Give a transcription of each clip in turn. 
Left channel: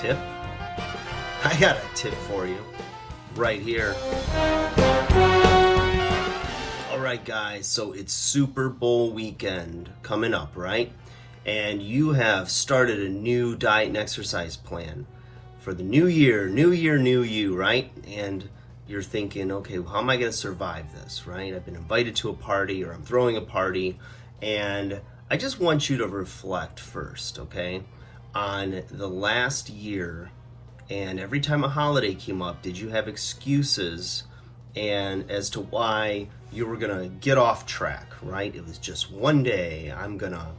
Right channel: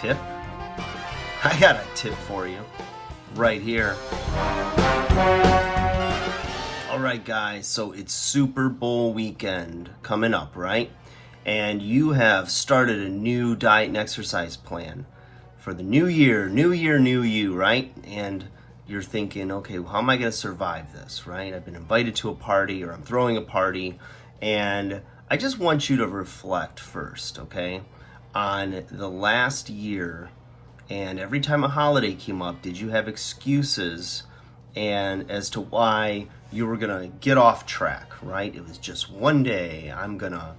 tip? I got a tip for you right here. All right, guys, so it's Super Bowl weekend coming up, right? And you have started a new diet and exercise plan for the new year, new you, right? And you're thinking, okay, well, how am I going to survive this, right? I've been invited to a party or I'm throwing a party, and I just want you to reflect first, okay, on the last year. And every time a holiday came up, did you have excuses and as to why you were gonna get off track, right? It was just one day, I'm gonna,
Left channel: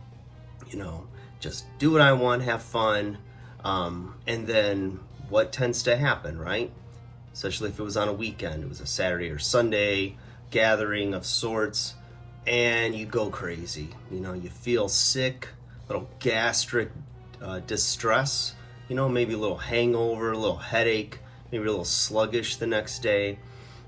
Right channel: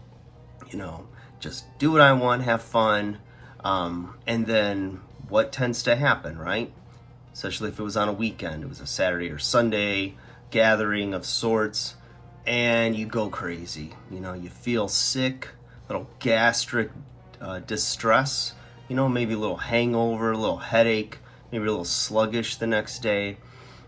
just do what I want, have fun. And then what tends to happen, right? Especially if it was on a weekend, it was a Saturday or Sunday gathering of sorts, and you go crazy. You feel sick, little gastric distress, maybe a little hangover, a little headache, maybe a little sluggish the next day.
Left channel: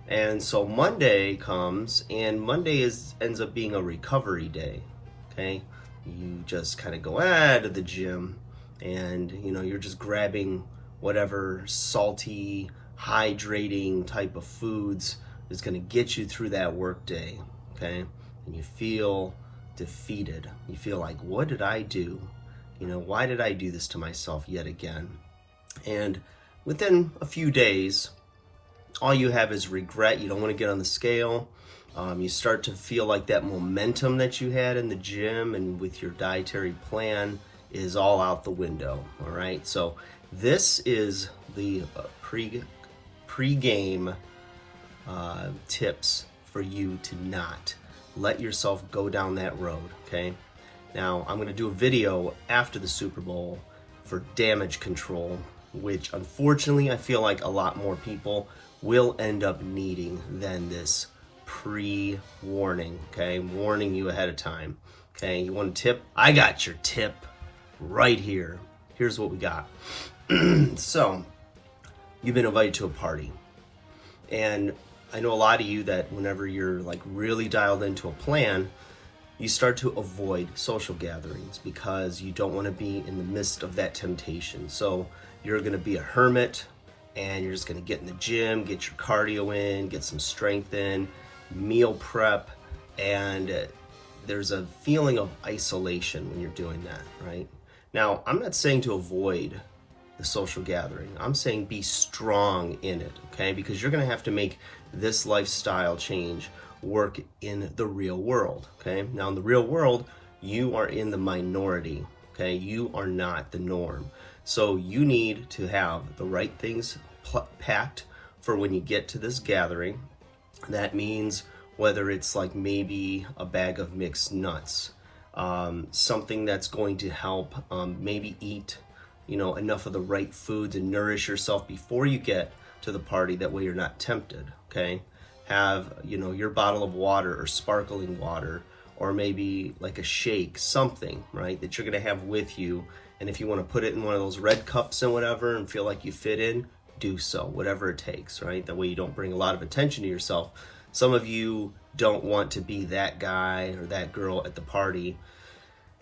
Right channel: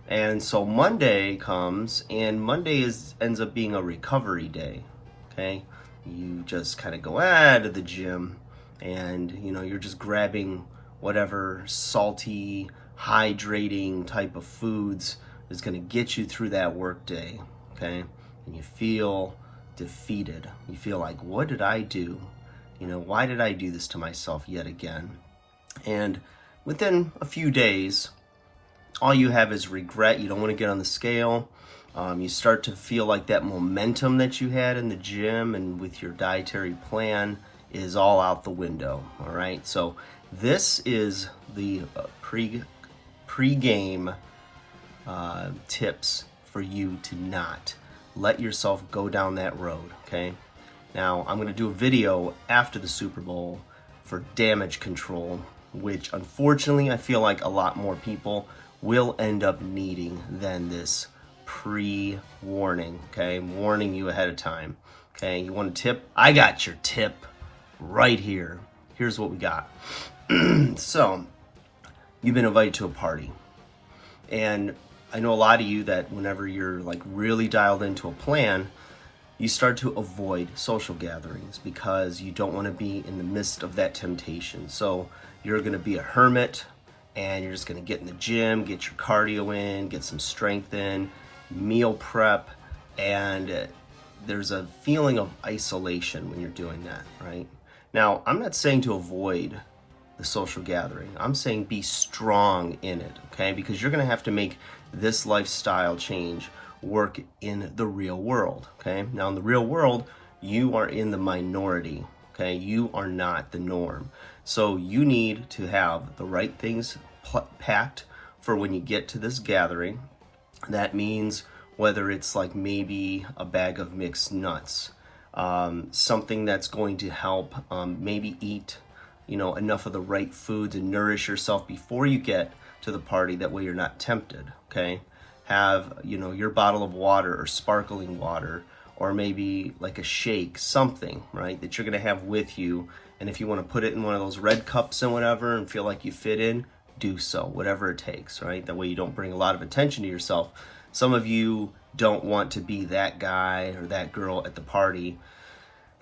And so Monday comes, and Monday ends up being a recovery day, okay? You just kind of go to the gym, and, you're just grabbing whatever salty, hydrating type of foods is going to get you through that work day, okay? And you feel defeated. You feel like, what did I do? Why did I do this to myself yet again? And within a few days, all you have is regret. You don't want to get on the scale. You start to feel like that momentum that you had in the gym and with your dietary plan is all out the window. All right. So this is the pre-game tips for you to not let yourself go down that road. Okay. Now, I'm going to do a video after the Super Bowl for damage control, which unfortunately I feel like a lot more people will end up needing than this pre-warning, okay? Warning you ahead of time, okay? You want a tip? I got your tip right here. Here's what we got. So, you've been invited to a party, and I know a lot of you that whenever you're like really dialed into a plan, you start to avoid social gatherings because you don't want to be in the midst of that temptation. So you're going to be a hermit, and you're just going to get in the gym, get your cardio in, get some strength in, meal prep, and there's a feeling of isolation when you're doing that, right? Now, I'm not saying to avoid the social gathering. I'm saying be strong in it, okay? Because you're going to have to make this lifestyle change work in the real world, okay? Now, in the real world, you are in the minority, okay? You are not the norm. So you need to have the right things packed for when you get to this gathering. That means whether it's like maybe a bag of mixed nuts, something that's going to help maybe eat, enough of the right foods and nourish yourself before you get to the party. That way you're not tempted, okay? Have, your bottle of water or sparkling water, or maybe like a shake, something, right, that you're going to have with you. And if you want to put it in one of those red cups and whatever and feel like you fit in, do so, whatever it takes, right? That way you don't bring a lot of attention to yourself. Some of you don't want to be that guy or that girl at the party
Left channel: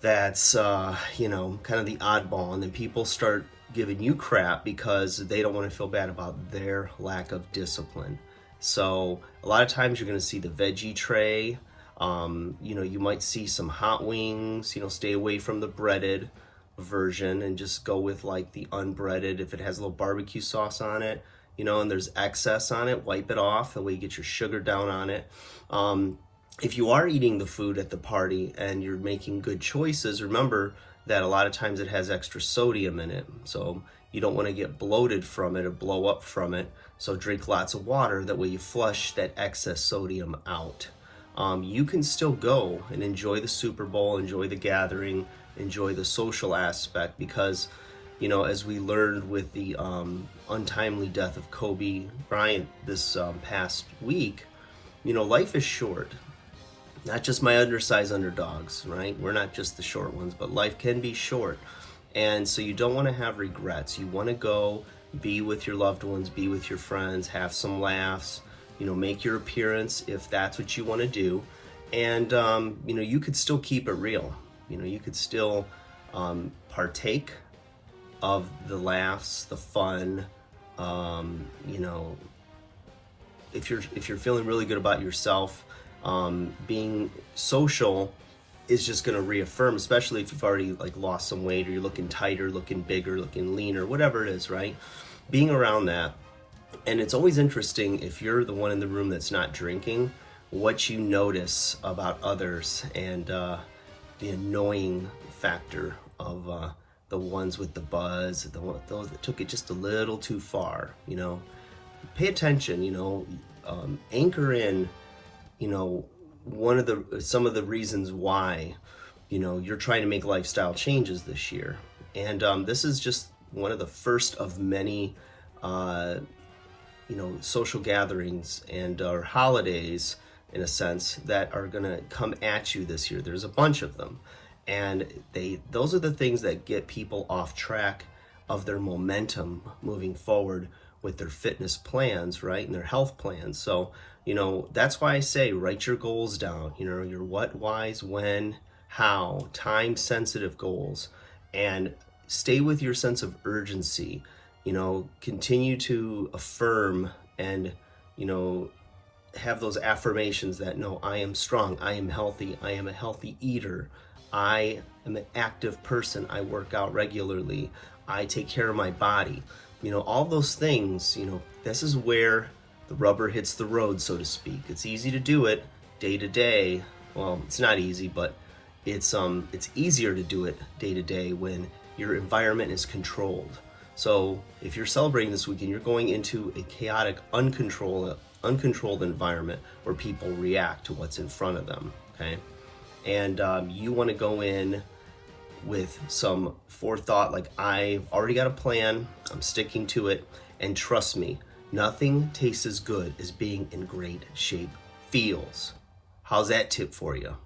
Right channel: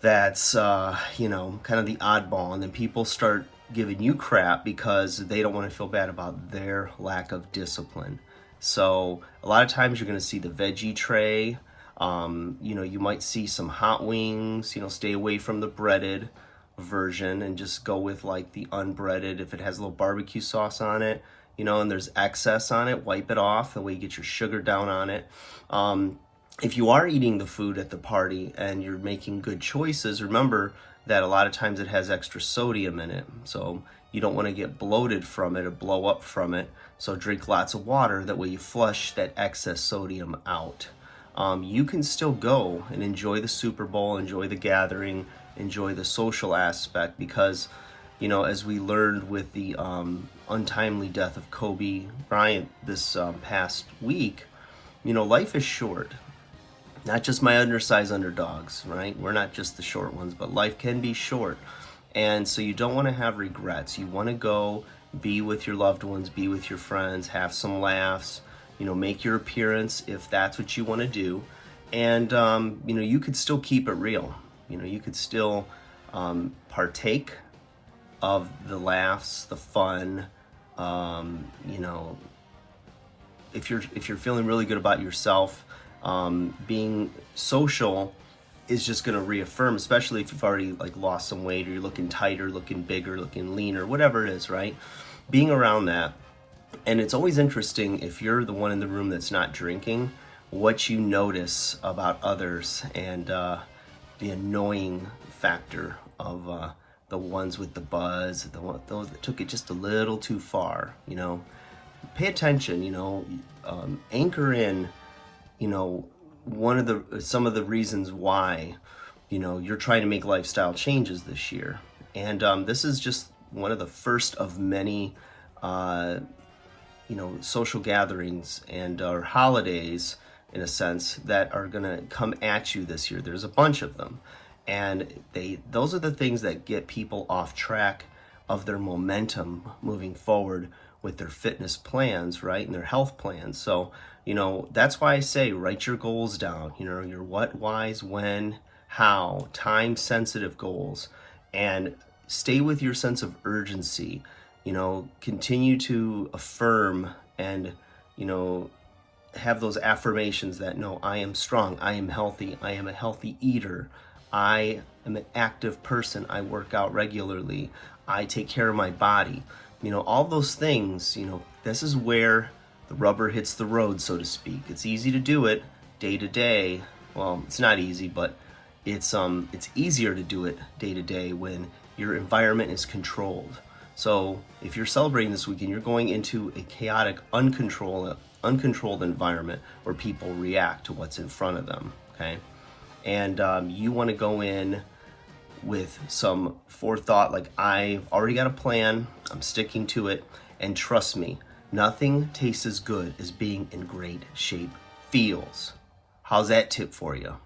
that's, kind of the oddball. And then people start giving you crap because they don't want to feel bad about their lack of discipline. So a lot of times you're going to see the veggie tray. You might see some hot wings. Stay away from the breaded version and just go with like the unbreaded. If it has a little barbecue sauce on it, and there's excess on it, wipe it off. That way you get your sugar down on it. If you are eating the food at the party and you're making good choices, remember that a lot of times it has extra sodium in it. So you don't want to get bloated from it or blow up from it. So drink lots of water. That way you flush that excess sodium out. You can still go and enjoy the Super Bowl, enjoy the gathering, enjoy the social aspect, because, as we learned with the untimely death of Kobe Bryant this past week, life is short. Not just my undersized underdogs, right? We're not just the short ones, but life can be short. And so you don't want to have regrets. You want to go be with your loved ones, be with your friends, have some laughs, make your appearance if that's what you want to do. And, you could still keep it real. You could still partake of the laughs, the fun. You know, if you're feeling really good about yourself, being social is just going to reaffirm, especially if you've already like lost some weight, or you're looking tighter, looking bigger, looking leaner, whatever it is, right? Being around that. And it's always interesting, if you're the one in the room that's not drinking, what you notice about others, and the annoying factor of the ones with the buzz, those that took it just a little too far. You know, pay attention. You know, anchor in. You know, some of the reasons why, you know, you're trying to make lifestyle changes this year, and this is just one of the first of many, you know, social gatherings and or holidays, in a sense, that are going to come at you this year. There's a bunch of them, and those are the things that get people off track of their momentum moving forward with their fitness plans, right, and their health plans. So, you know, that's why I say write your goals down. You know, your what, whys, when, how, time-sensitive goals, and stay with your sense of urgency. You know, continue to affirm and, you know, have those affirmations that, no, I am strong, I am healthy, I am a healthy eater, I am an active person, I work out regularly, I take care of my body. You know, all those things, you know, this is where the rubber hits the road, so to speak. It's easy to do it day to day. Well, it's not easy, but it's easier to do it day to day when your environment is controlled. So if you're celebrating this weekend, you're going into a chaotic, uncontrolled environment where people react to what's in front of them, okay? And you want to go in with some forethought, like, I've already got a plan, I'm sticking to it, and trust me, nothing tastes as good as being in great shape feels. How's that tip for you?